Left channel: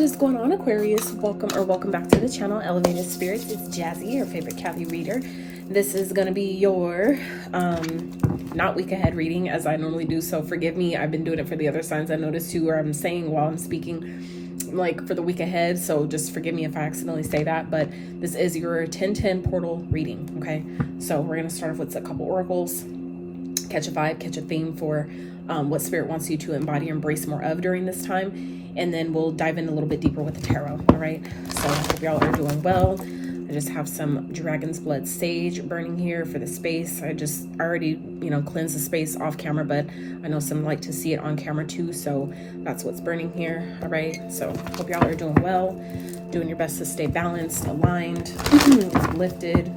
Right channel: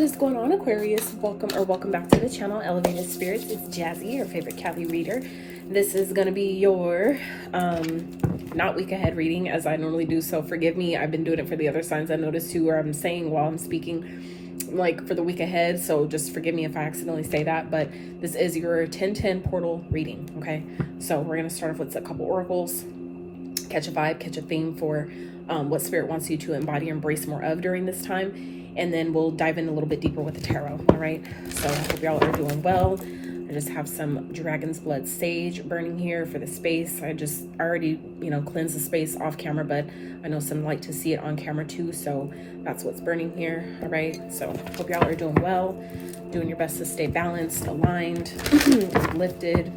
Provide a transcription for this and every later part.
What is going on, Aquarius? Welcome back to the channel, Elevated Spirits. It's Jazzy, your favorite Cali reader. This is going to be your not week ahead reading as I normally do, so forgive me. I've been doing it for the other signs I noticed too, where I'm saying while I'm speaking like for the week ahead, so just forgive me if I accidentally say that, but this is your 10-10 portal reading. Okay, so we're going to start off with a couple oracles, catch a vibe, catch a theme for what spirit wants you to embody or embrace more of during this time. And then we'll dive in a little bit deeper with the tarot. All right. So I hope y'all are doing well. I just have some dragon's blood sage burning here for the space. I already, cleansed the space off camera, but I know some like to see it on camera too. So that's what's burning here. All right. So hope y'all are doing well, doing your best to stay balanced, aligned, lifted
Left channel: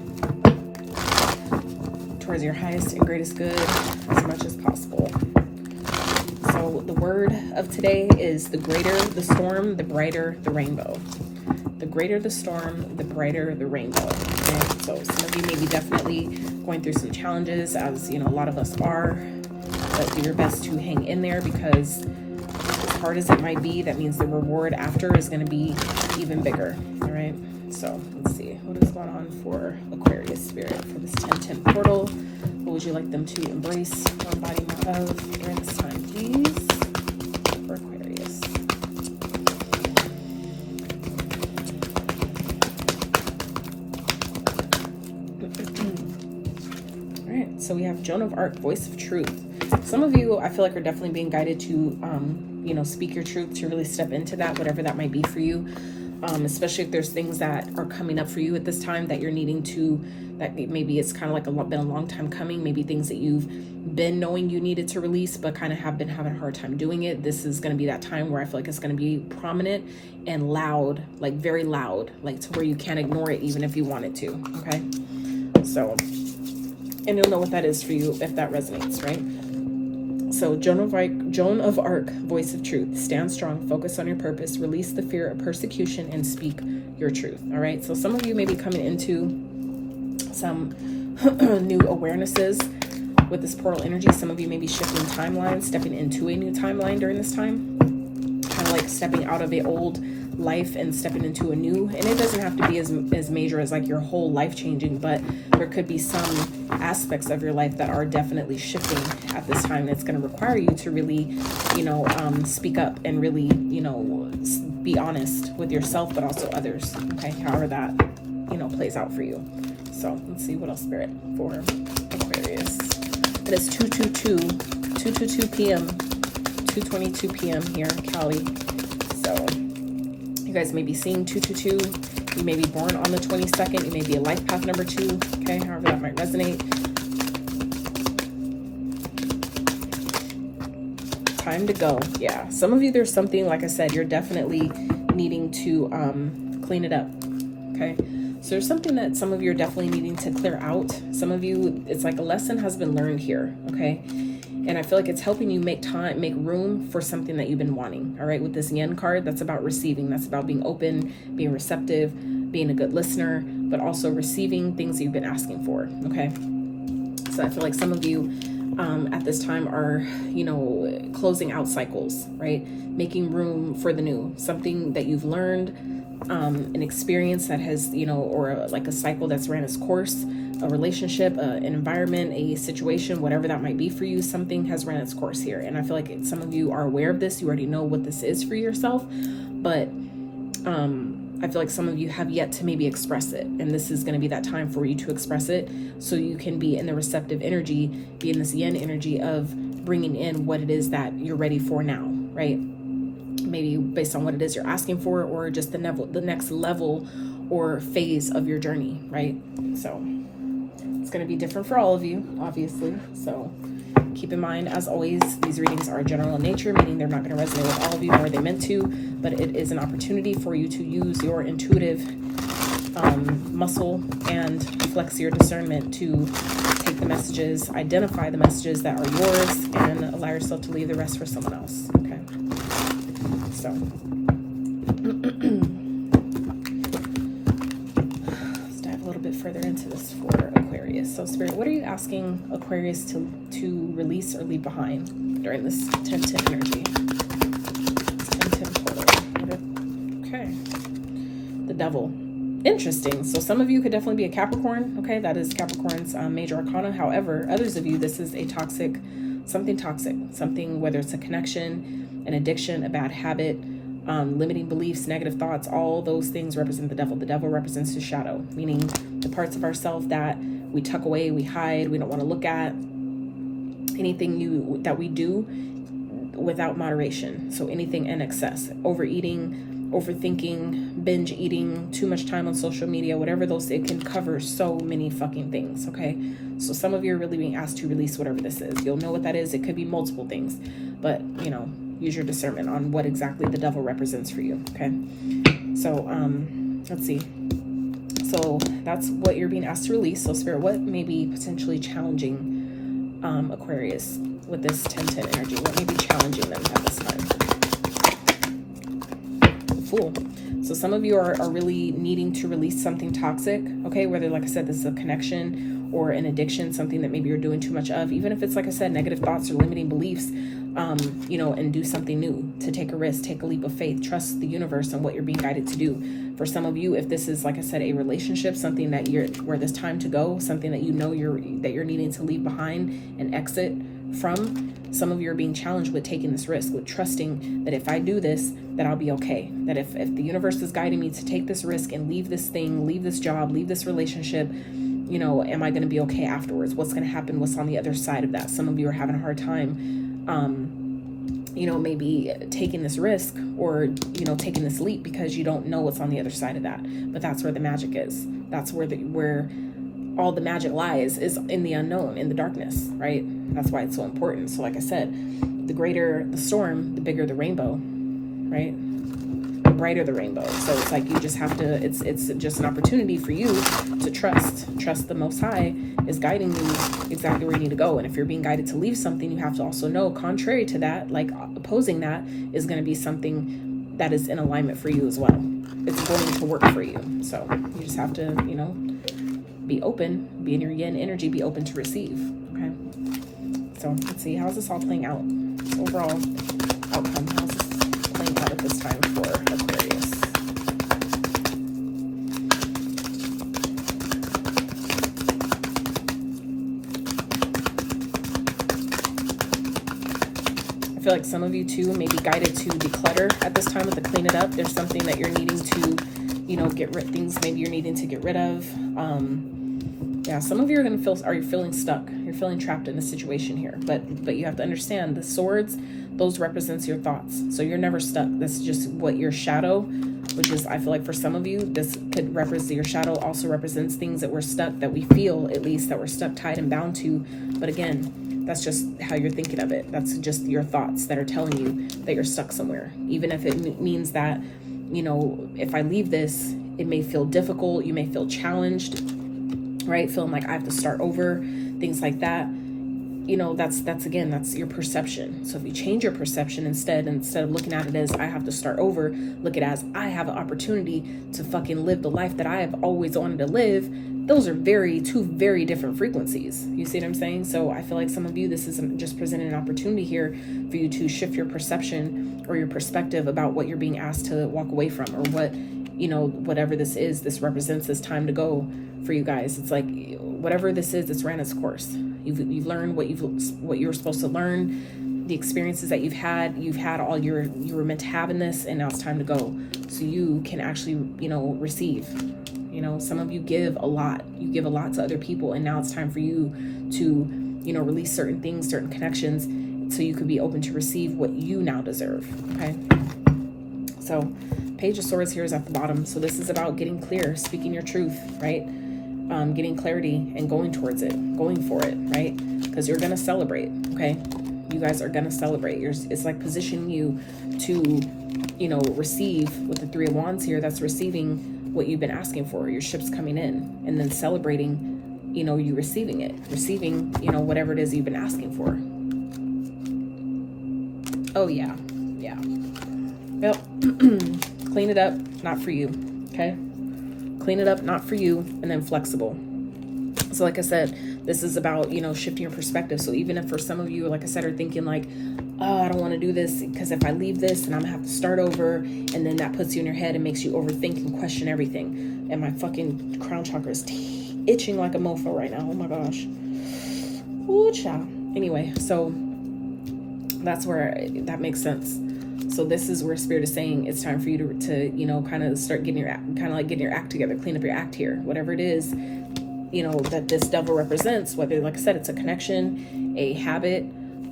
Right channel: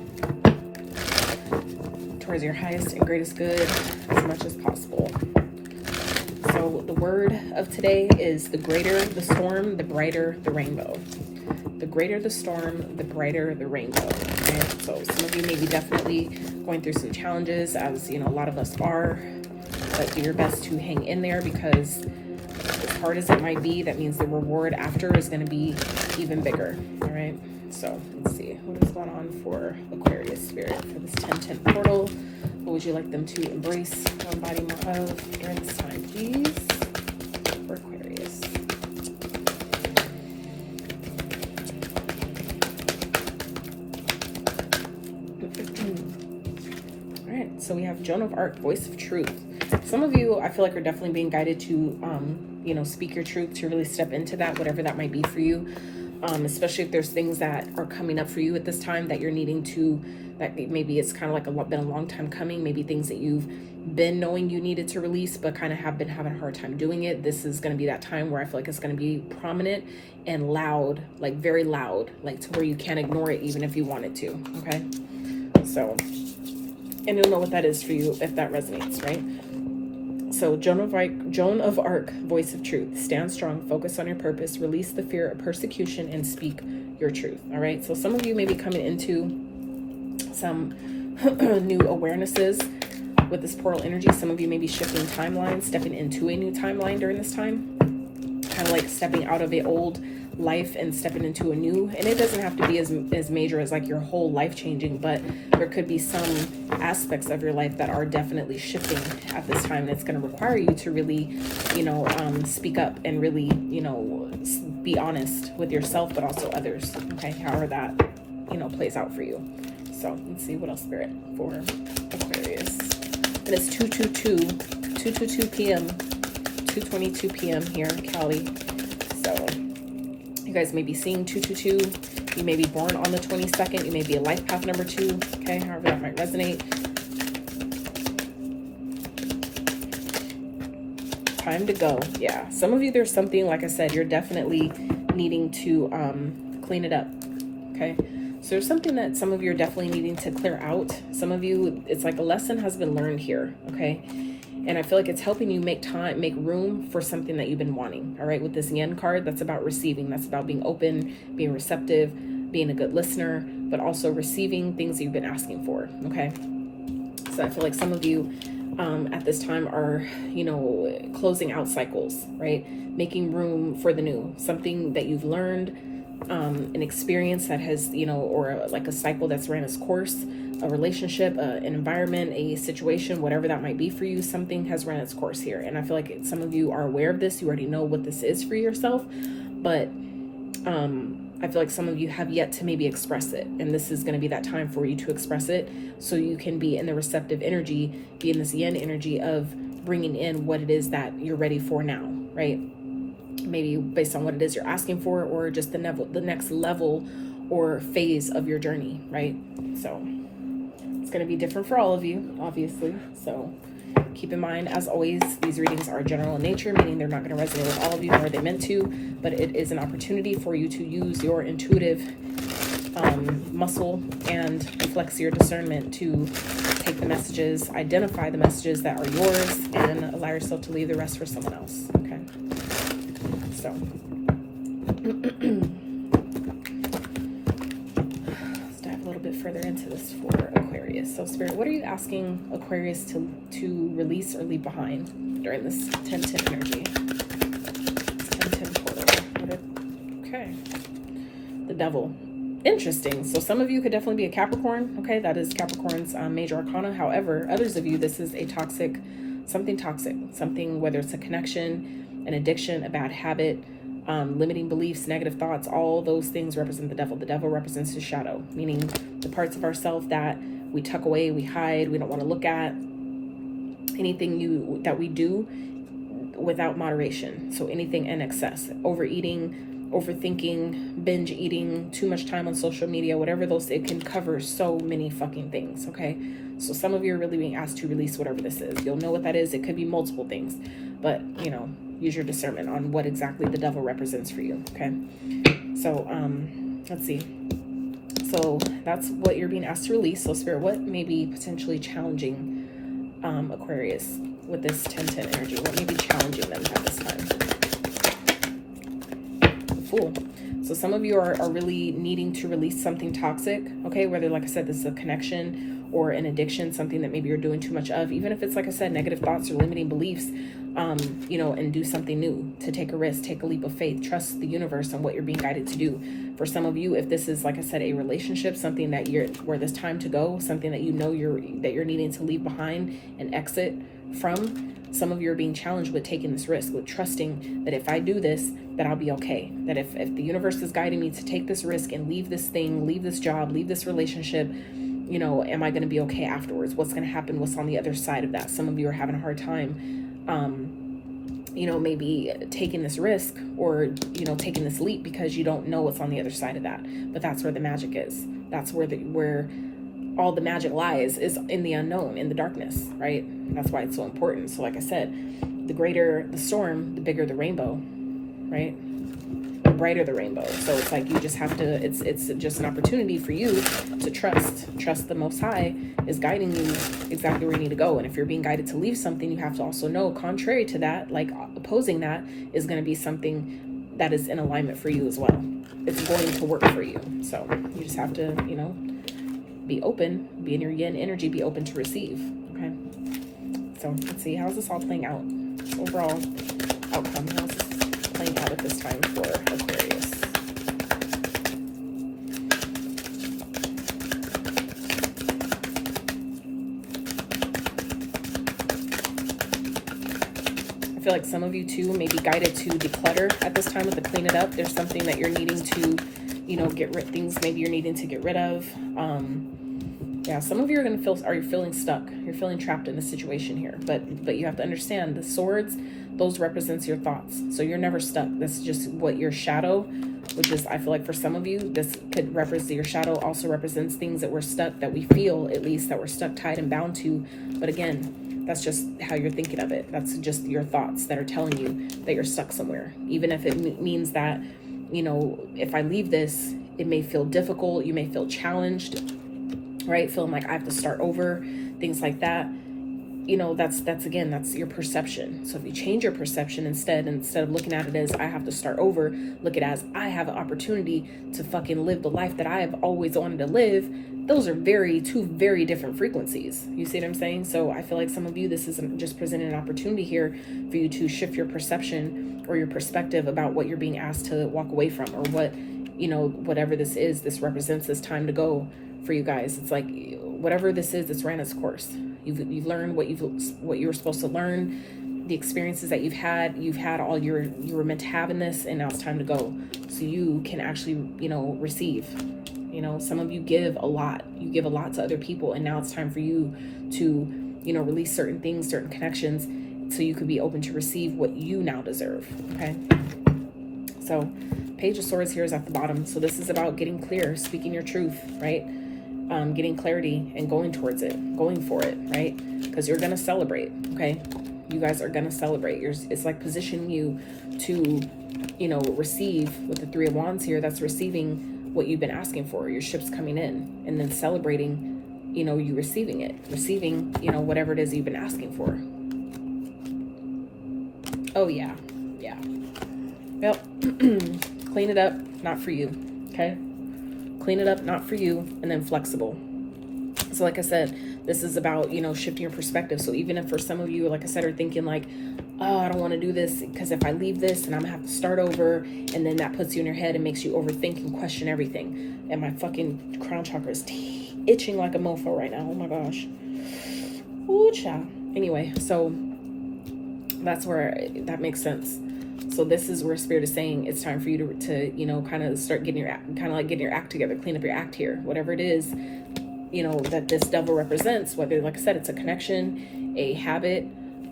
towards your highest and greatest good as much as possible. So the word of today is the greater the storm, the brighter the rainbow. The greater the storm, the brighter the rainbow. Okay? So some of you may be definitely going through some challenges, as a lot of us are, but do your best to hang in there, because as hard as it might be, that means the reward after is going to be even bigger. All right. So let's see what is going on for Aquarius spirit for this 10-10 portal. What would you like them to embrace or embody more of during this time, please, for Aquarius? All right, so we have Joan of Arc, voice of truth. Some of you, I feel like, are definitely being guided to, speak your truth, to really step into that, whatever that might be for you. Especially if there's things that are coming up for you at this time that you're needing to, that maybe it's kind of like been a long time coming, maybe things that you've been knowing you needed to release but kind of have been having a hard time doing it. This is going to be that time where I feel like it's going to be prominent and loud, like very loud, like to where you can't ignore it even if you wanted to. Okay, so, and you'll know what that is for you if that resonates, right? So Joan of Arc, voice of truth. Stand strong, focus on your purpose, release the fear of persecution, and speak your truth. All right. So some of you may be coming into some new awarenesses with this portal energy. Some of you may be shifting timelines, stepping into a new timeline during this time. Kind of like stepping out of the old life and stepping into a new, and it doesn't have to be as major as like your whole life changing, but there could be some aspects of your life that are definitely shifting at this time. That's going to require you to really speak up and really be honest with yourself but also others. Okay, however that plays out for you. So let's see what else, spirit, for Aquarius. And it's 2:22 p.m 2:22 p.m here in Cali. You guys may be seeing 222. You may be born on the 22nd. You may be a life path number 2. Okay, however that might resonate. Time to go. Yeah, some of you, there's something, like I said, you're definitely needing to clean it up. Okay, so there's something that some of you are definitely needing to clear out. Some of you, it's like a lesson has been learned here. Okay. And I feel like it's helping you make room for something that you've been wanting. All right. With this Yen card, that's about receiving. That's about being open, being receptive, being a good listener, but also receiving things that you've been asking for. Okay. So I feel like some of you at this time are, closing out cycles, right? Making room for the new, something that you've learned, an experience that has, or like a cycle that's ran its course. A relationship, an environment, a situation, whatever that might be for you, something has run its course here. And I feel like some of you are aware of this. You already know what this is for yourself, but I feel like some of you have yet to maybe express it. And this is going to be that time for you to express it, so you can be in the receptive energy, be in this Yen energy of bringing in what it is that you're ready for now, right? Maybe based on what it is you're asking for, or just the next level or phase of your journey, right? So it's going to be different for all of you, obviously. So keep in mind, as always, these readings are general in nature, meaning they're not going to resonate with all of you, nor are they meant to, but it is an opportunity for you to use your intuitive muscle and flex your discernment to take the messages, identify the messages that are yours, and allow yourself to leave the rest for someone else. Okay. So let's dive a little bit further into this for Aquarius. So Spirit, what are you asking Aquarius to release or leave behind during this 10-10 energy? It's 10-10 portal. the Devil. Interesting. So some of you could definitely be a Capricorn. Okay, that is Capricorn's major arcana. However, others of you, this is a toxic, something, whether it's a connection, an addiction, a bad habit, limiting beliefs, negative thoughts, all those things represent the Devil. The Devil represents the shadow, meaning the parts of ourselves that we tuck away, we hide, we don't want to look at, anything new that we do without moderation. So anything in excess, overeating, overthinking, binge eating, too much time on social media, whatever those, it can cover so many fucking things. Okay, so some of you are really being asked to release whatever this is. You'll know what that is. It could be multiple things, but you know, use your discernment on what exactly the Devil represents for you. Okay, so let's see. So that's what you're being asked to release. So Spirit, what may be potentially challenging Aquarius with this 10-10 energy? What may be challenging them at this time? Fool. So some of you are really needing to release something toxic, okay? Whether, like I said, this is a connection or an addiction, something that maybe you're doing too much of, even if it's, like I said, negative thoughts or limiting beliefs, you know, and do something new, to take a risk, take a leap of faith, trust the universe and what you're being guided to do. For some of you, if this is, like I said, a relationship, something that where there's time to go, something that you know you're needing to leave behind and exit from, some of you are being challenged with taking this risk, with trusting that if I do this, that I'll be okay. That if the universe is guiding me to take this risk and leave this thing, leave this job, leave this relationship, you know, am I going to be okay afterwards? What's going to happen? What's on the other side of that? Some of you are having a hard time, you know, maybe taking this risk or, you know, taking this leap because you don't know what's on the other side of that. But that's where the magic is. That's where all the magic lies, is in the unknown, in the darkness, right? That's why it's so important. So like I said, the greater the storm, the bigger the rainbow, right? The brighter the rainbow. So it's like you just have to, it's just an opportunity for you to trust the Most High is guiding you exactly where you need to go. And if you're being guided to leave something, you have to also know, contrary to that, like opposing that, is going to be something that is in alignment for you as well. It's going to work for you. So you just have to, you know, be open, be in your yin energy, be open to receive. Okay, so let's see, how's this all playing out? Overall outcome, how's this playing out at this time for Aquarius? I feel like some of you too may be guided to declutter at this time, with the clean it up. There's something that you're needing to, you know, get rid, things maybe you're needing to get rid of. Yeah, some of you are going to you're feeling stuck. You're feeling trapped in a situation here. But you have to understand, the swords, those represents your thoughts. So you're never stuck. This is just what your shadow, which is, I feel like for some of you, this could represent, your shadow also represents things that we're stuck, that we feel at least that we're stuck, tied and bound to. But again, that's just how you're thinking of it. That's just your thoughts that are telling you that you're stuck somewhere. Even if it means that, you know, if I leave this, it may feel difficult. You may feel challenged, right? Feeling like I have to start over, things like that. You know, that's again, that's your perception. So if you change your perception, instead of looking at it as I have to start over, look at it as I have an opportunity to fucking live the life that I have always wanted to live. Those are two very different frequencies. You see what I'm saying? So I feel like some of you, this is just presenting an opportunity here for you to shift your perception or your perspective about what you're being asked to walk away from, or what, you know, whatever this is, this represents this time to go for you guys. It's like whatever this is, it's ran its course. You've learned what you were supposed to learn, the experiences that you've had all you were meant to have in this, and now it's time to go. So you can actually, you know, receive. You know, some of you give a lot. You give a lot to other people, and now it's time for you to, you know, release certain things, certain connections, so you could be open to receive what you now deserve. Okay. So Page of Swords here is at the bottom. So this is about getting clear, speaking your truth, right? Getting clarity and going towards it, going for it, right? Because you're going to celebrate, okay? You guys are going to celebrate. It's like positioning you to, you know, receive with the Three of Wands here. That's receiving what you've been asking for. Your ship's coming in, and then celebrating, you know, you receiving it, you know, whatever it is you've been asking for. Oh yeah. Yeah. Well, clean it up, not for you. Okay. Clean it up, not for you, and then flexible. So like I said, This is about, you know, shifting your perspective. So even if for some of you, like I said, are thinking like, oh, I don't want to do this because if I leave this, then I'm gonna have to start over, and then that puts you in your head and makes you overthink and question everything. And my fucking crown chakra is itching like a mofo right now. Oh my gosh. Ooh, child. Anyway, so that's where that makes sense. So this is where Spirit is saying it's time for you to you know, kind of start getting getting your act together, clean up your act here, whatever it is, you know, that this devil represents. Whether, like I said, it's a connection, a habit,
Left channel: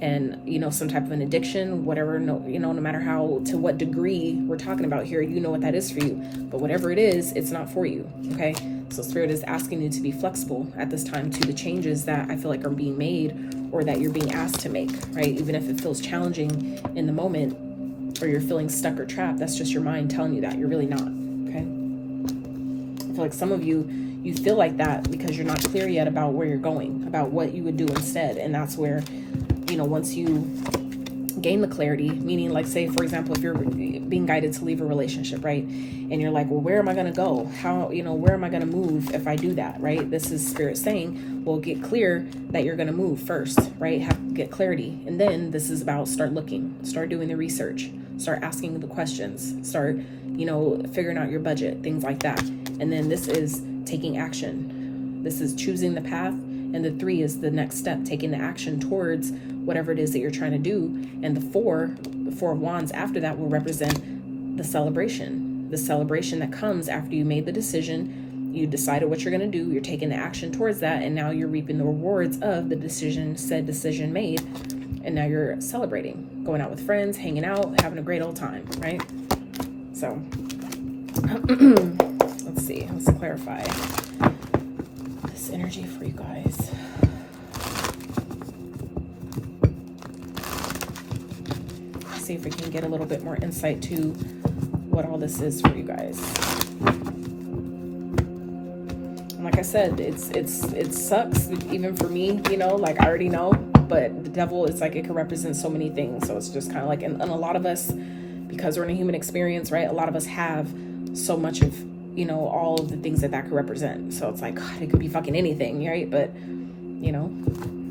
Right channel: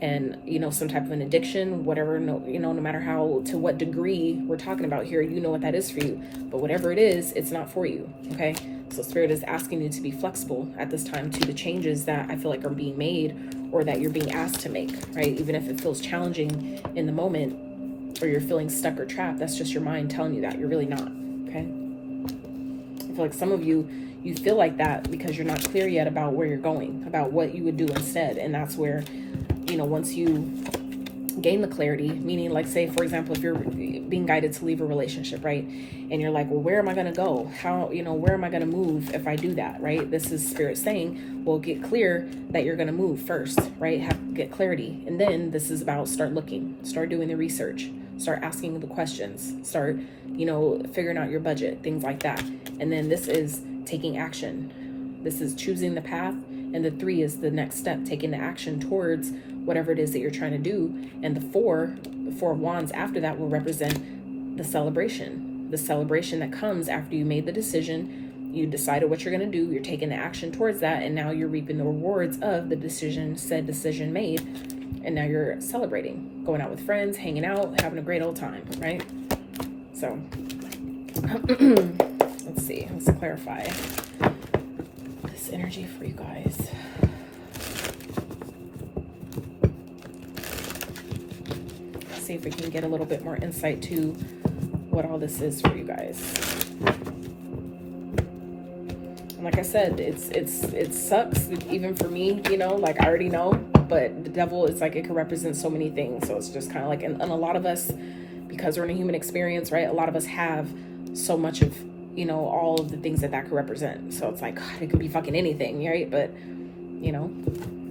and, you know, some type of an addiction, whatever, no, you know, no matter how, to what degree we're talking about here, you know what that is for you. But whatever it is, it's not for you, okay? So Spirit is asking you to be flexible at this time to the changes that I feel like are being made, or that you're being asked to make, right? Even if it feels challenging in the moment, or you're feeling stuck or trapped, that's just your mind telling you that. You're really not, okay? I feel like some of you feel like that because you're not clear yet about where you're going, about what you would do instead. And that's where, you know, once you gain the clarity, meaning, like, say, for example, if you're being guided to leave a relationship, right? And you're like, well, where am I going to go? How, you know, where am I going to move if I do that, right? This is Spirit saying, well, get clear that you're going to move first, right? Get clarity. And then this is about start looking, start doing the research, start asking the questions, start, you know, figuring out your budget, things like that. And then this is taking action. This is choosing the path. And the 3 is the next step, taking the action towards whatever it is that you're trying to do. And the 4 of Wands after that will represent the celebration that comes after you made the decision, you decided what you're going to do, you're taking the action towards that, and now you're reaping the rewards of the said decision made, and now you're celebrating, going out with friends, hanging out, having a great old time, right? So let's see, let's clarify this energy for you guys. See if we can get a little bit more insight to what all this is for you guys. And like I said, it sucks even for me, you know, like I already know, but the devil is like, it can represent so many things. So it's just kind of like, and a lot of us, because we're in a human experience, right? A lot of us have so much of, you know, all of the things that could represent. So it's like, God, it could be fucking anything, right? But, you know,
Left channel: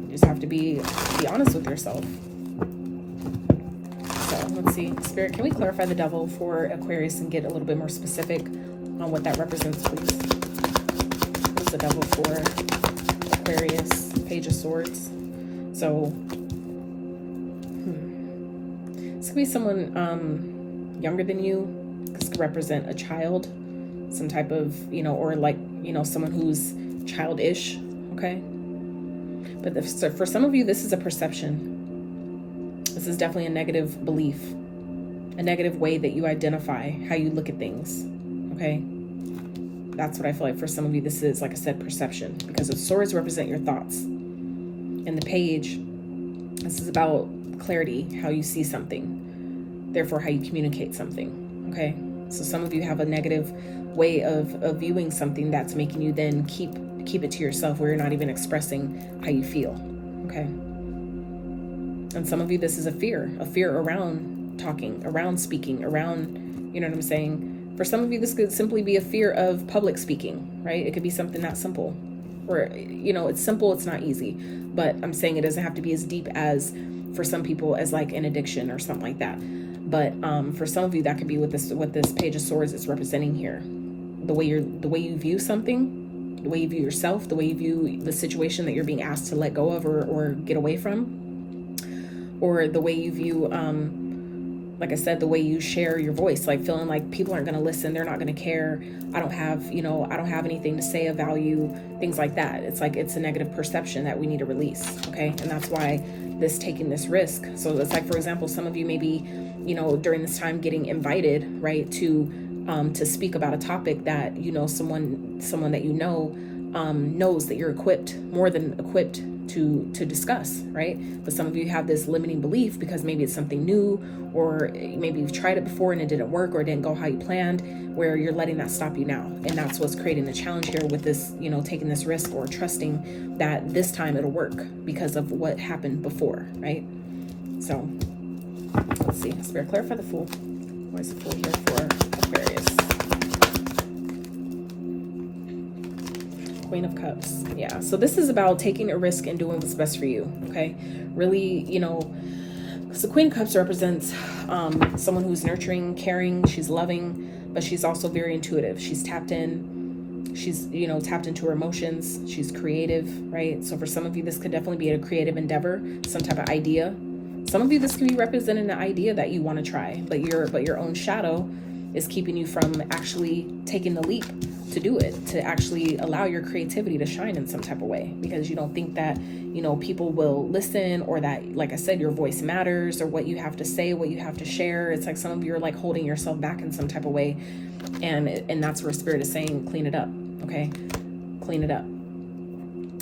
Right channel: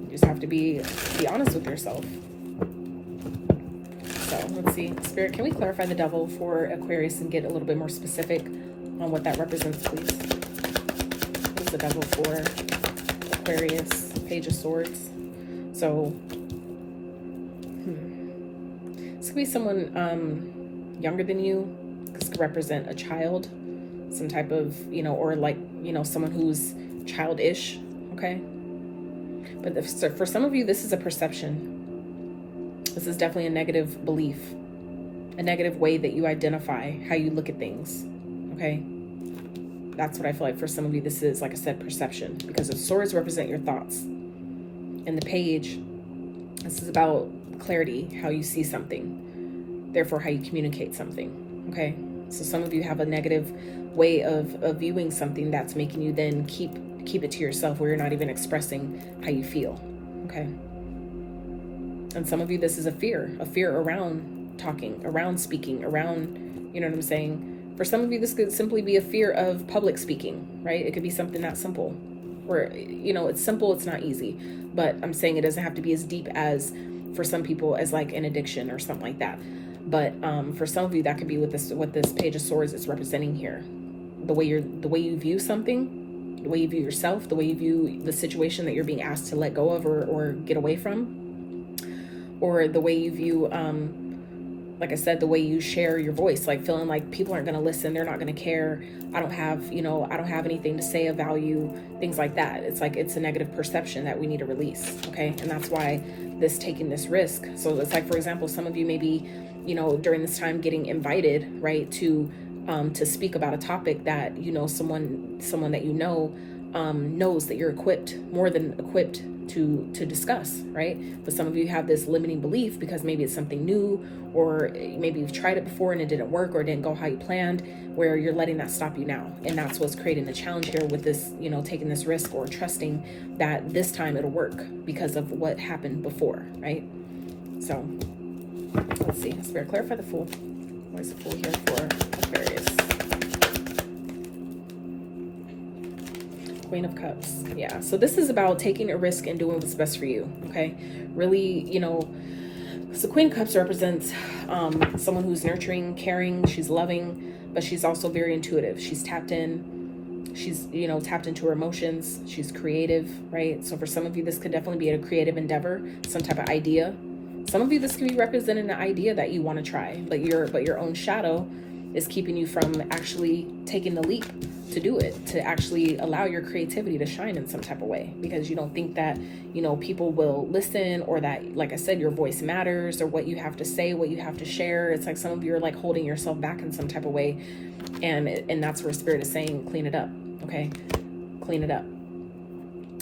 you just have to be honest with yourself. Let's see, Spirit, can we clarify the devil for Aquarius and get a little bit more specific on what that represents, please? What's the devil for Aquarius? Page of Swords. So, this could be someone younger than you. This could represent a child, some type of, you know, or like, you know, someone who's childish, okay? But so for some of you, this is a perception. This is definitely a negative belief, a negative way that you identify how you look at things, okay? That's what I feel like for some of you, this is, like I said, perception, because the swords represent your thoughts. And the page, this is about clarity, how you see something, therefore how you communicate something, okay? So some of you have a negative way of viewing something that's making you then keep it to yourself, where you're not even expressing how you feel, okay? And some of you, this is a fear around talking, around speaking, around, you know what I'm saying? For some of you, this could simply be a fear of public speaking, right? It could be something that simple, or, you know, it's simple, it's not easy, but I'm saying it doesn't have to be as deep as, for some people, as like an addiction or something like that. But for some of you, that could be what this Page of Swords is representing here. The way you view something, the way you view yourself, the way you view the situation that you're being asked to let go of or get away from. Or the way you view, like I said, the way you share your voice, like feeling like people aren't going to listen, they're not going to care, I don't have anything to say of value, things like that. It's like, it's a negative perception that we need to release, okay? And that's why taking this risk. So it's like, for example, some of you may be, you know, during this time getting invited, right, to speak about a topic that, you know, someone that you know knows that you're more than equipped to discuss, right? But some of you have this limiting belief because maybe it's something new, or maybe you've tried it before and it didn't work, or it didn't go how you planned, where you're letting that stop you now. And that's what's creating the challenge here with this, you know, taking this risk or trusting that this time it'll work because of what happened before, right? So let's see, Spirit, clarify the Fool. Why is the Fool here for Aquarius? Queen of Cups. Yeah. So this is about taking a risk and doing what's best for you. Okay. Really, you know, so Queen of Cups represents someone who's nurturing, caring, she's loving, but she's also very intuitive. She's tapped in. She's, you know, tapped into her emotions. She's creative, right? So for some of you, this could definitely be a creative endeavor, some type of idea. Some of you, this can be representing an idea that you want to try, but your own shadow is keeping you from actually taking the leap to do it, to actually allow your creativity to shine in some type of way, because you don't think that, you know, people will listen, or that, like I said, your voice matters, or what you have to say, what you have to share. It's like some of you are like holding yourself back in some type of way, and that's where Spirit is saying, clean it up. Okay, clean it up.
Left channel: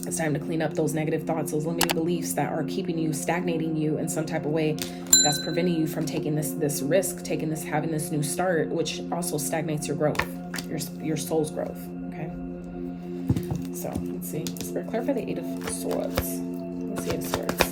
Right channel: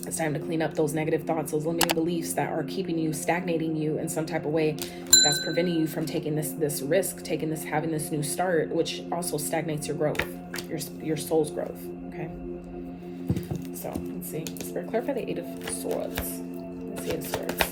It's time to clean up those negative thoughts, those limiting beliefs that are keeping you, stagnating you in some type of way, that's preventing you from taking this risk, having this new start, which also stagnates your growth, your soul's growth. Okay. So let's see. Spirit, clarify the Eight of Swords. Let's see, Eight of Swords.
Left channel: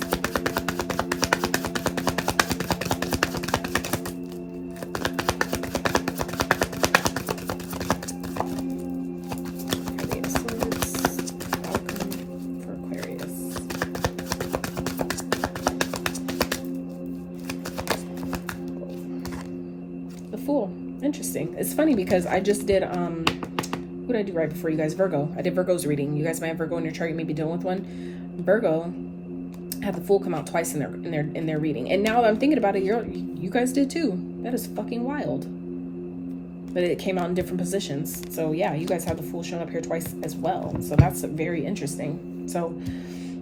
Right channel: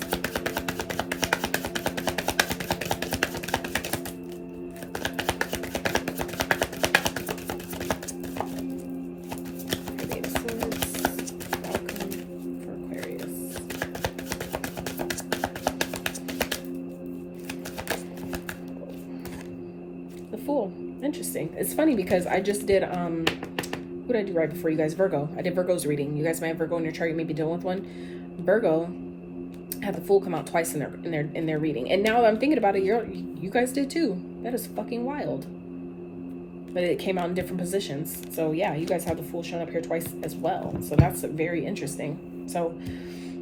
Interesting. It's funny because I just did what did I do right before you guys? Virgo. I did Virgo's reading. You guys might have Virgo in your chart. You may be dealing with one. Virgo had the Fool come out twice in their reading, and now that I'm thinking about it, you guys did too. That is fucking wild. But it came out in different positions. So yeah, you guys have the Fool showing up here twice as well. So that's very interesting. So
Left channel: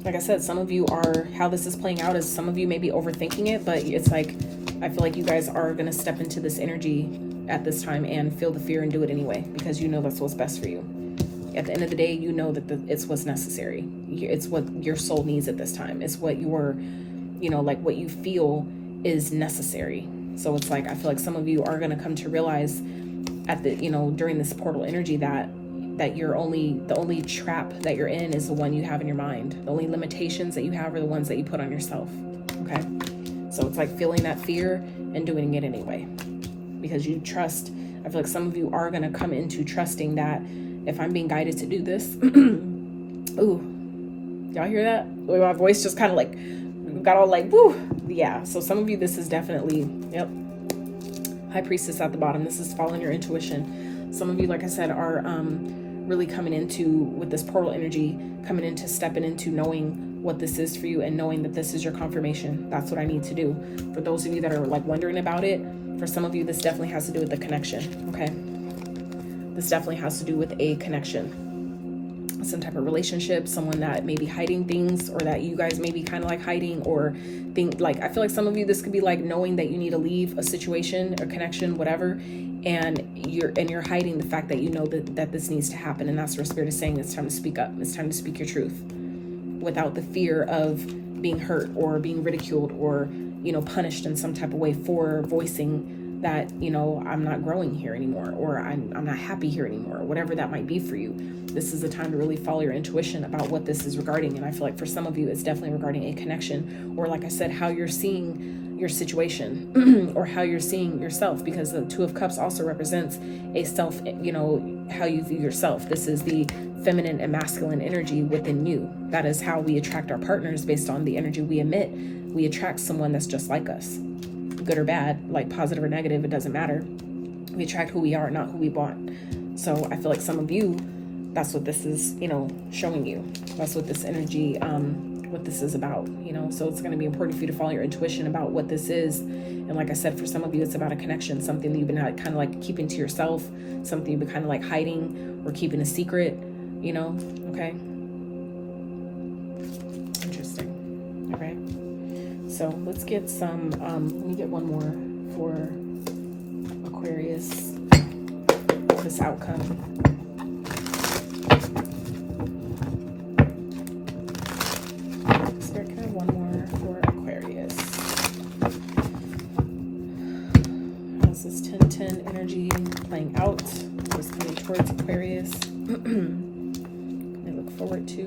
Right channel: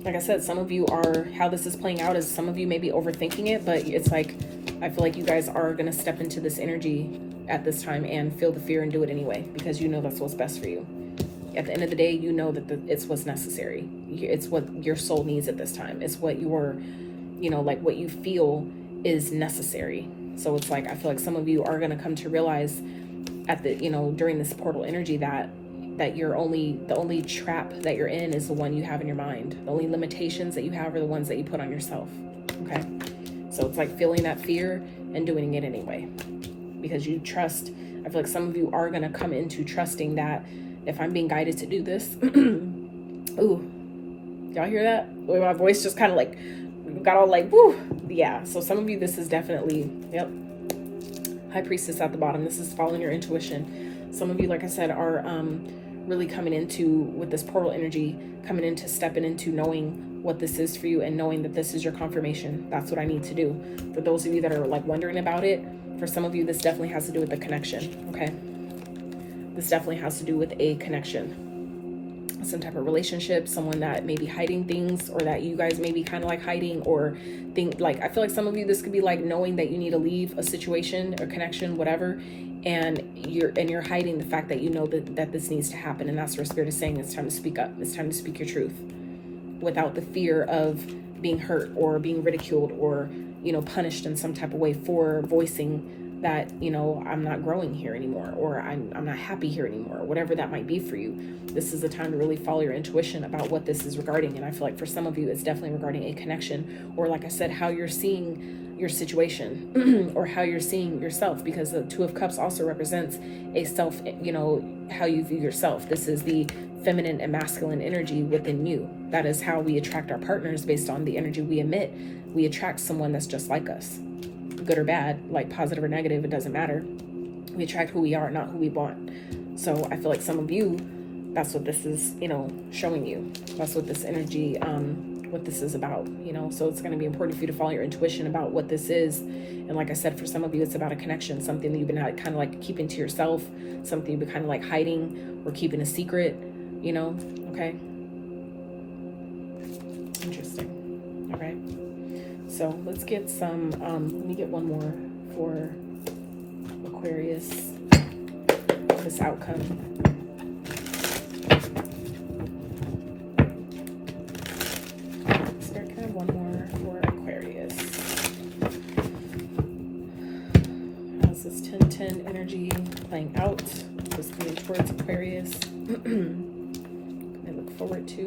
like I said, some of you are, how this is playing out is some of you may be overthinking it, but it's like, I feel like you guys are going to step into this energy at this time and feel the fear and do it anyway, because you know that's what's best for you. At the end of the day, you know that it's what's necessary. It's what your soul needs at this time. It's what your, you know, like what you feel is necessary. So it's like, I feel like some of you are going to come to realize at the, you know, during this portal energy that the only trap that you're in is the one you have in your mind. The only limitations that you have are the ones that you put on yourself. Okay. So it's like feeling that fear and doing it anyway, because you trust. I feel like some of you are going to come into trusting that if I'm being guided to do this, ooh, y'all hear that? My voice just kind of like got all like, woo. Yeah. So some of you, this is definitely, yep. High Priestess at the bottom. This is following your intuition. Some of you, like I said, are really coming into, with this portal energy, coming into stepping into knowing what this is for you and knowing that this is your confirmation. That's what I need to do. For those of you that are like wondering about it, for some of you, this definitely has to do with the connection. Okay. This definitely has to do with a connection, some type of relationship, someone that may be hiding things, or that you guys may be kind of like hiding, or think like, I feel like some of you, this could be like knowing that you need to leave a situation or connection, whatever, and you're hiding the fact that you know that this needs to happen. And that's where Spirit is saying it's time to speak up. It's time to speak your truth without the fear of being hurt or being ridiculed or, you know, punished in some type of way for voicing that, you know, I'm not growing here anymore, or I'm not happy here anymore, or whatever that might be for you. This is the time to really follow your intuition about what this is regarding. And I feel like for some of you, it's definitely regarding a connection, or like I said, how you're seeing your situation or how you're seeing yourself, because the Two of Cups also represents a self, you know, how you view yourself. This is the feminine and masculine energy within you. That is how we attract our partners, based on the energy we emit. We attract someone that's just like us, good or bad, like positive or negative, it doesn't matter. We attract who we are, not who we want. So I feel like some of you, that's what this is, you know, showing you. That's what this energy, what this is about, you know. So it's going to be important for you to follow your intuition about what this is. And like I said, for some of you, it's about a connection, something that you've been kind of like keeping to yourself, something you've been kind of like hiding or keeping a secret, you know. Okay. Interesting. All right. So let's get some, let me get one more for Aquarius, this outcome. Spirit, can I have one more for Aquarius? How's this 10-10 energy playing out? Just playing towards Aquarius. I look forward to.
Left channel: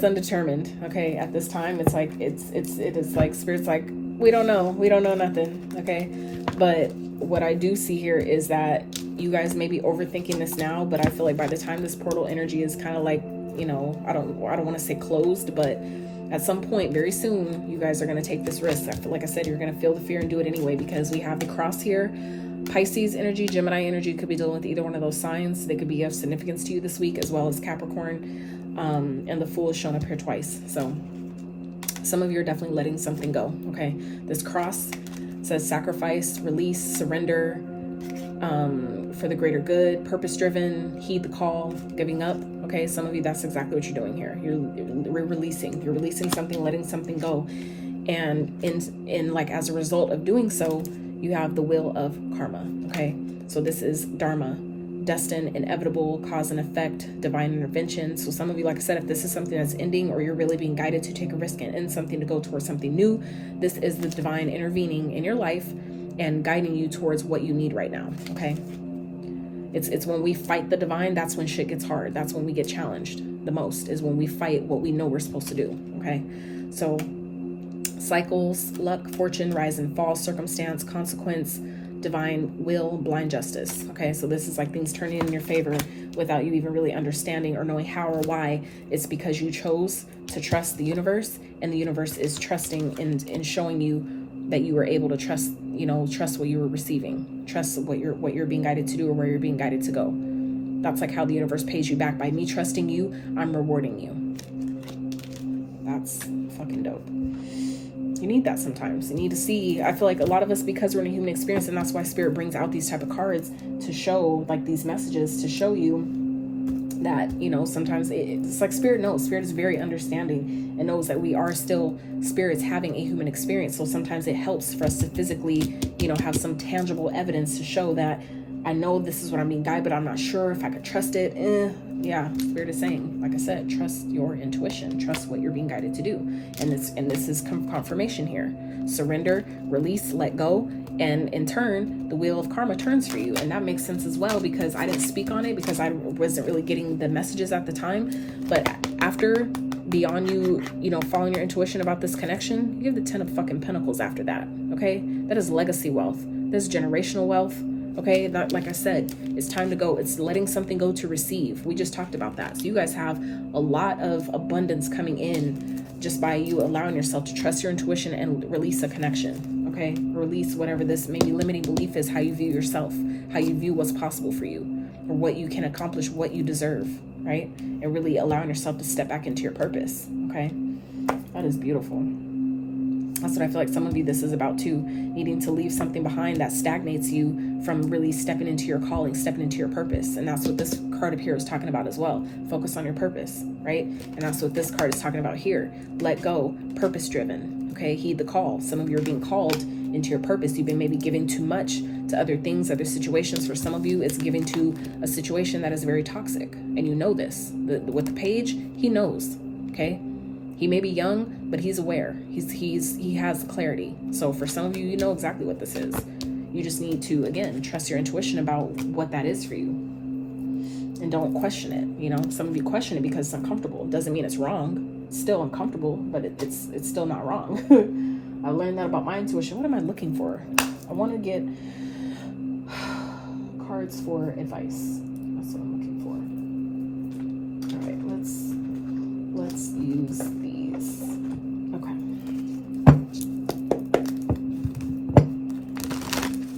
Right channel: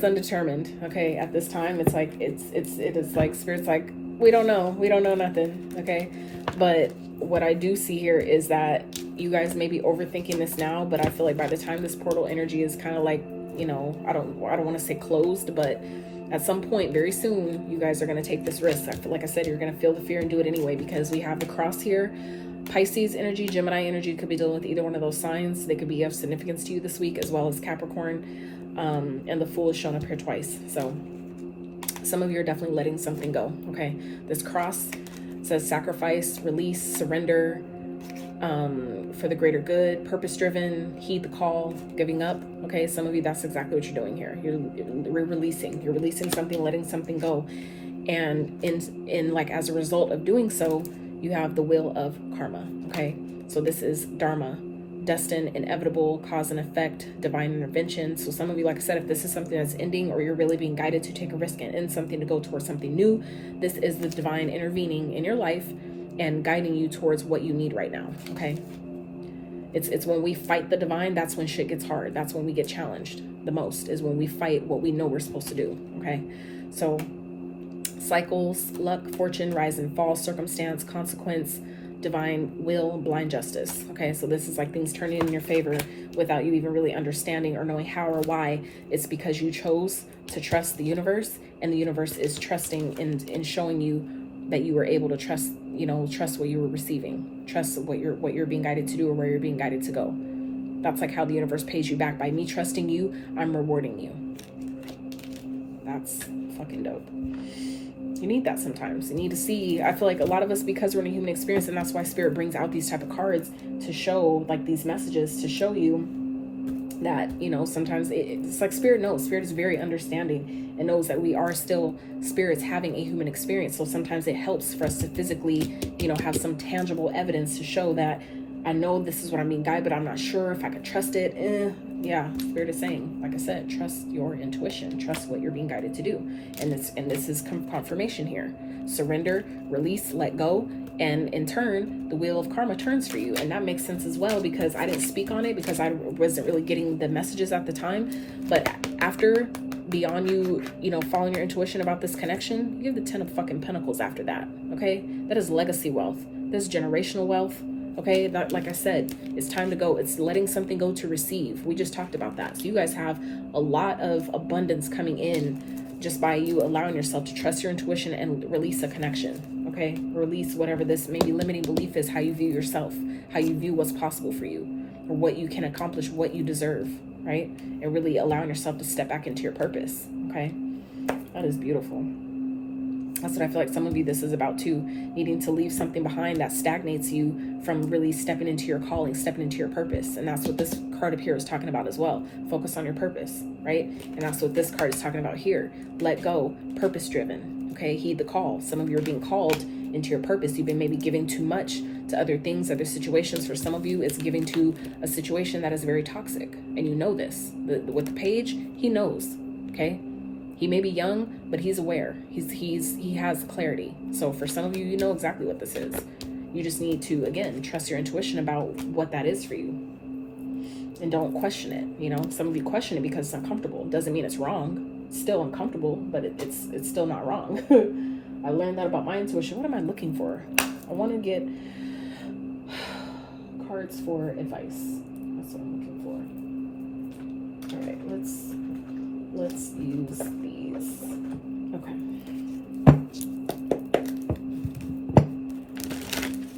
is undetermined. Okay, at this time, it's like it is like Spirit's like, we don't know nothing. Okay, but what I do see here is that you guys may be overthinking this now, but I feel like by the time this portal energy is kind of like, you know, I don't want to say closed, but at some point very soon, you guys are going to take this risk. I feel like I said, you're going to feel the fear and do it anyway, because we have the cross here. Pisces energy, Gemini energy could be dealing with either one of those signs. They could be of significance to you this week, as well as Capricorn. And the Fool is shown up here twice. So some of you are definitely letting something go. Okay, this cross says sacrifice, release, surrender, for the greater good, purpose driven, heed the call, giving up. Okay, some of you, that's exactly what you're doing here. You're releasing something, letting something go. And in like, as a result of doing so, you have the wheel of karma. Okay, so this is dharma, destined, inevitable, cause and effect, divine intervention. So some of you, like I said, if this is something that's ending, or you're really being guided to take a risk and end something to go towards something new, this is the divine intervening in your life and guiding you towards what you need right now. Okay, it's when we fight the divine, that's when shit gets hard. That's when we get challenged the most, is when we fight what we know we're supposed to do. Okay, so cycles, luck, fortune, rise and fall, circumstance, consequence, divine will, blind justice. Okay, so this is like things turning in your favor without you even really understanding or knowing how or why. It's because you chose to trust the universe, and the universe is trusting in showing you that you were able to trust, you know, trust what you were receiving, trust what you're being guided to do, or where you're being guided to go. That's like how the universe pays you back. By me trusting you, I'm rewarding you. That's fucking dope. You need that sometimes. You need to see, I feel like a lot of us, because we're in a human experience, and that's why Spirit brings out these type of cards to show, like these messages to show you that, you know, sometimes it's like Spirit knows. Spirit is very understanding and knows that we are still spirits having a human experience. So sometimes it helps for us to physically, you know, have some tangible evidence to show that I know this is what I'm being guided, but I'm not sure if I could trust it. Yeah, Spirit is saying, like I said, trust your intuition, trust what you're being guided to do. And this is confirmation here. Surrender, release, let go, and in turn, the wheel of karma turns for you. And that makes sense as well, because I didn't speak on it because I wasn't really getting the messages at the time. But after, beyond you know, following your intuition about this connection, you have the 10 of fucking Pentacles after that. Okay, that is legacy wealth. That's generational wealth. Okay, that, like I said, it's time to go. It's letting something go to receive. We just talked about that. So you guys have a lot of abundance coming in just by you allowing yourself to trust your intuition and release a connection. Okay, release whatever this maybe limiting belief is, how you view yourself, how you view what's possible for you, or what you can accomplish, what you deserve, right? And really allowing yourself to step back into your purpose. Okay, that is beautiful. That's what I feel like some of you, this is about too, needing to leave something behind that stagnates you from really stepping into your calling, stepping into your purpose. And that's what this card up here is talking about as well. Focus on your purpose, right? And that's what this card is talking about here. Let go, purpose driven. Okay, heed the call. Some of you are being called into your purpose. You've been maybe giving too much to other things, other situations. For some of you, it's giving to a situation that is very toxic. And you know this. With the page, he knows, okay? He may be young, but he's aware. He has clarity. So for some of you, you know exactly what this is. You just need to, again, trust your intuition about what that is for you. And don't question it. You know, some of you question it because it's uncomfortable. It doesn't mean it's wrong. It's still uncomfortable, but it's still not wrong. I learned that about my intuition. What am I looking for? I want to get cards for advice. That's what I'm looking for. All right, let's use these. Okay.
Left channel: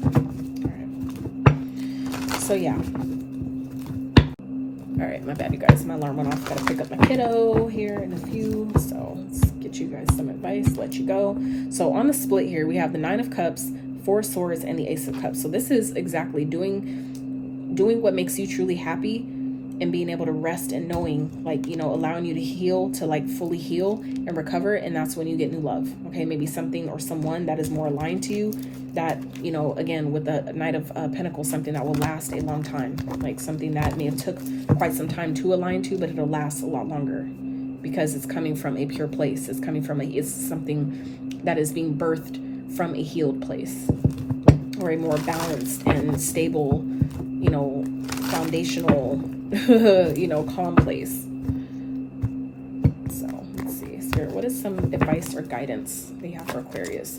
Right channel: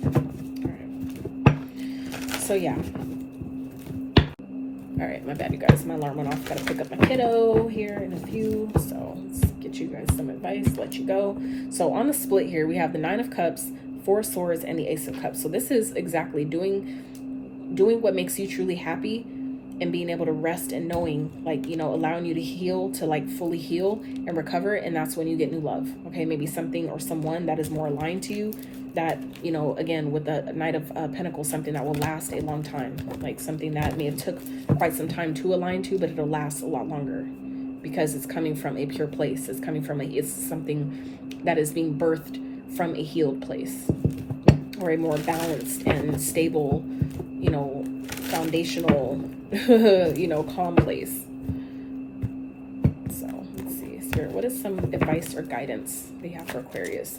All right. So yeah. All right, my bad, you guys. My alarm went off. Gotta pick up my kiddo here in a few. So let's get you guys some advice. Let you go. So on the split here, we have the 9 of Cups, 4 of Swords, and the Ace of Cups. So this is exactly doing what makes you truly happy, and being able to rest and knowing, like, you know, allowing you to heal, to like fully heal and recover. And that's when you get new love. Okay, maybe something or someone that is more aligned to you, that, you know, again, with the Knight of Pentacles, something that will last a long time, like something that may have took quite some time to align to, but it'll last a lot longer because it's coming from a pure place. It's coming from it's something that is being birthed from a healed place, or a more balanced and stable, you know, foundational, you know, calm place. So some advice or guidance we have for Aquarius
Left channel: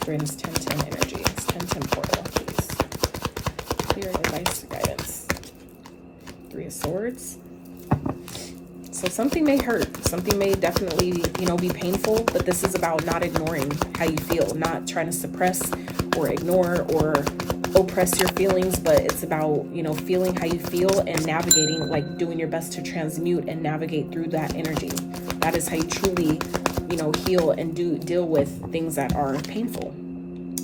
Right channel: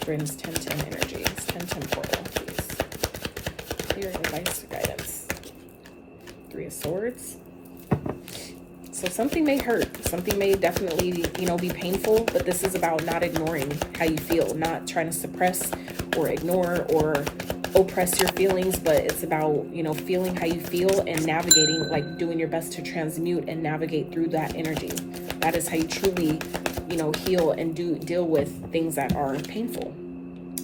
during this 10-10 energy? It's 10-10 portal, please. Here, advice or guidance. 3 of Swords. So something may hurt. Something may definitely, you know, be painful, but this is about not ignoring how you feel, not trying to suppress or ignore or oppress your feelings, but it's about, you know, feeling how you feel and navigating, like doing your best to transmute and navigate through that energy. That is how you truly, you know, heal and deal with things that are painful,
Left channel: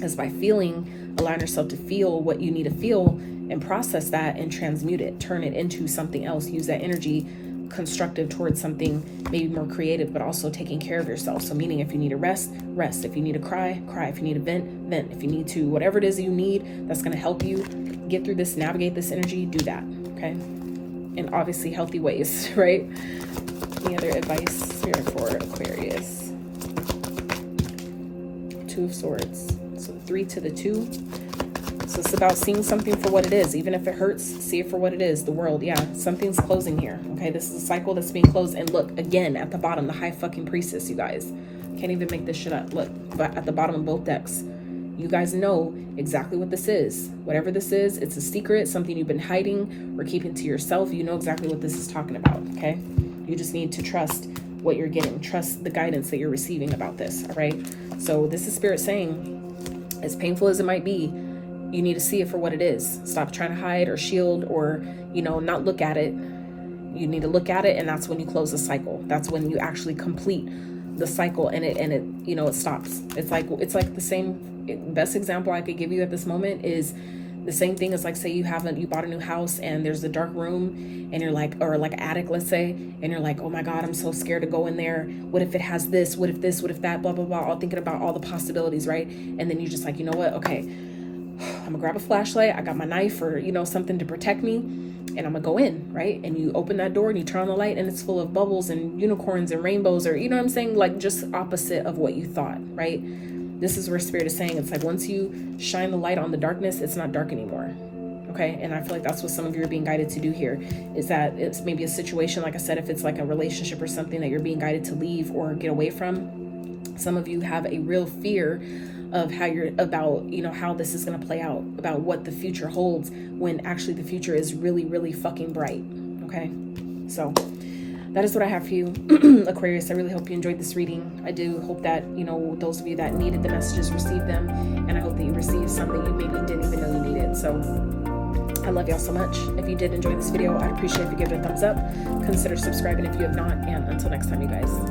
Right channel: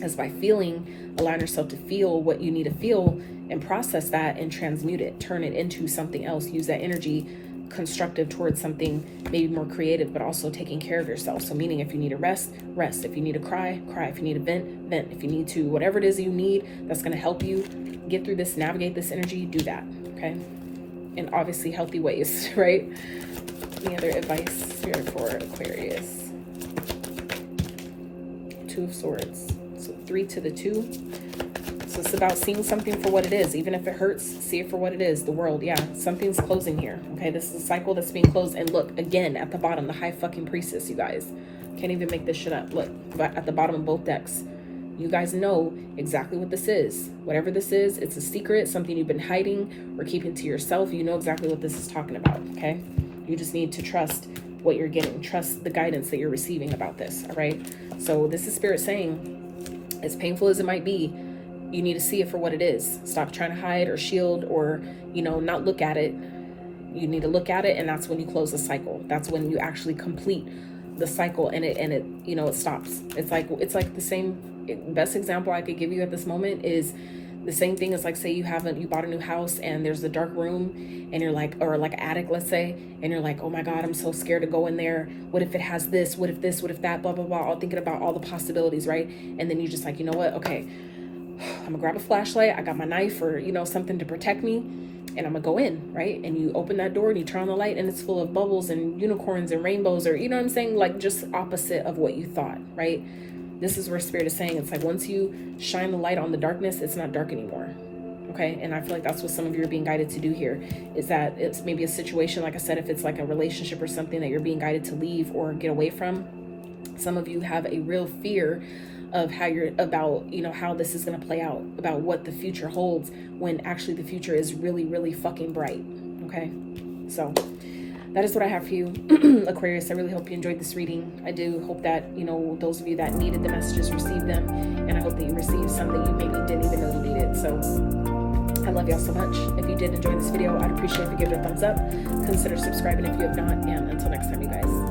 is by feeling, allowing yourself to feel what you need to feel and process that and transmute it, turn it into something else, use that energy constructive towards something maybe more creative, but also taking care of yourself. So meaning, if you need to rest, rest. If you need to cry, cry. If you need to vent, vent. If you need to, whatever it is you need that's going to help you get through this, navigate this energy, do that. Okay. In obviously healthy ways, right? Any other advice here for Aquarius? 2 of Swords. So 3 to the 2. So it's about seeing something for what it is. Even if it hurts, see it for what it is. The world, yeah, something's closing here. Okay, this is a cycle that's being closed. And look, again, at the bottom, the High fucking Priestess, you guys. Can't even make this shit up. Look, but at the bottom of both decks. You guys know exactly what this is. Whatever this is, it's a secret, something you've been hiding or keeping to yourself. You know exactly what this is talking about, okay? You just need to trust what you're getting. Trust the guidance that you're receiving about this, all right? So this is Spirit saying, as painful as it might be, you need to see it for what it is. Stop trying to hide or shield or, you know, not look at it. You need to look at it, and that's when you close the cycle. That's when you actually complete the cycle, and it you know, it stops. It's like the same, best example I could give you at this moment is the same thing as, like, say you bought a new house and there's a dark room and you're like, or like attic, let's say, and you're like, oh my God, I'm so scared to go in there. What if it has this? What if this? What if that? Blah, blah, blah. All thinking about all the possibilities, right? And then you're just like, you know what? Okay, I'm gonna grab a flashlight. I got my knife or, you know, something to protect me, and I'm gonna go in, right? And you open that door and you turn on the light and it's full of bubbles and unicorns and rainbows, or, you know what I'm saying? Like, just opposite of what you thought, right? This is where Spirit is saying, it's like, once you shine the light on the darkness, it's not dark anymore. Okay. And I feel like that's what some of you are being guided to do here, is that it's maybe a situation, like I said, if it's like a relationship or something that you're being guided to leave or get away from. Some of you have a real fear of how you're about, you know, how this is going to play out, about what the future holds, when actually the future is really, really fucking bright. Okay. So that is what I have for you, Aquarius. I really hope you enjoyed this reading. I do hope that, you know, those of you that needed the messages received them, and I hope that you received some that you maybe didn't even know you needed. So I love y'all so much. If you did enjoy this video, I'd appreciate if you give it a thumbs up. Consider subscribing if you have not, and until next time, you guys.